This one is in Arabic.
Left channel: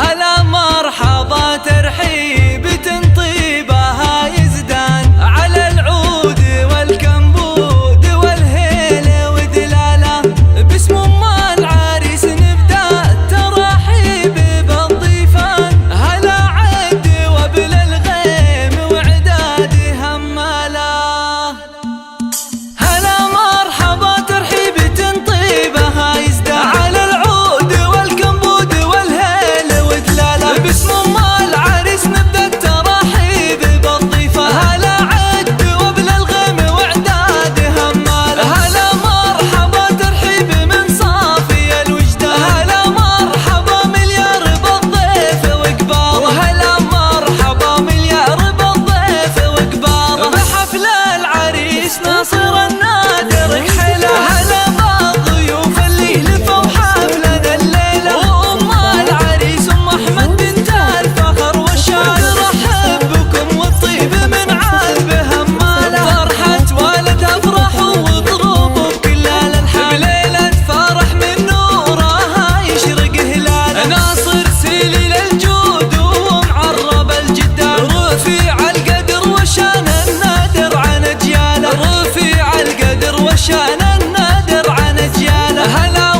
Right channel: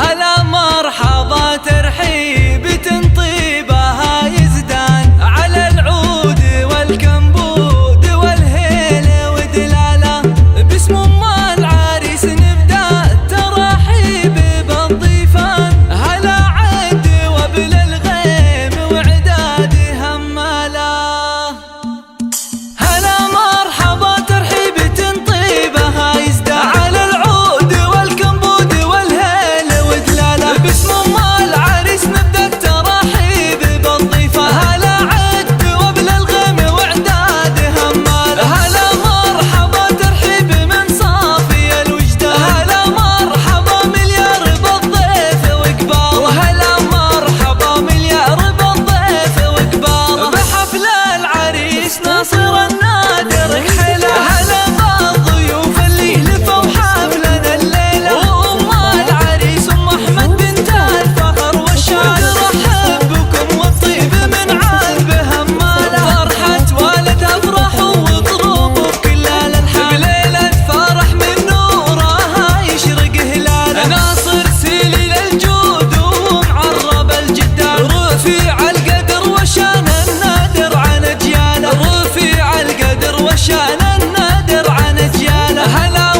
هلا مرحبا ترحيب تنطيبها يزدان على العود والكمبود والهيلة ودلالة. باسم ام العريس نبدا الترحيب بالضيفان. هلا عد وبل الغيم وعداد هماله. هلا مرحبا ترحيب تنطيبها يزدان على العود والكمبود والهيل ودلاله. باسم ام العريس نبدا الترحيب بالضيفان. هلا عد وبل الغيم وعداد هماله. هلا مرحبا ترحيب من صافي الوجدان. هلا مرحبا مليار بالضيف وقباله. وهلا مرحبا مليار بالضيف وقباله. بحفل العريس ناصر النادر كحيله. هلا بالضيوف اللي لفوا حفلنا الليله. وام العريس ام احمد بنت الفخر والشان ترحب بكم والطيب من عذب هماله. فرحة والدها افرحوا واضربوا بكل الالحان. بليلة فرح من نورها يشرق هلاله. ناصر سليل الجود ومعرب الجدان. رفيع القدر وشان النادر عن اجياله. رفيع القدر وشان النادر عن اجياله. هلا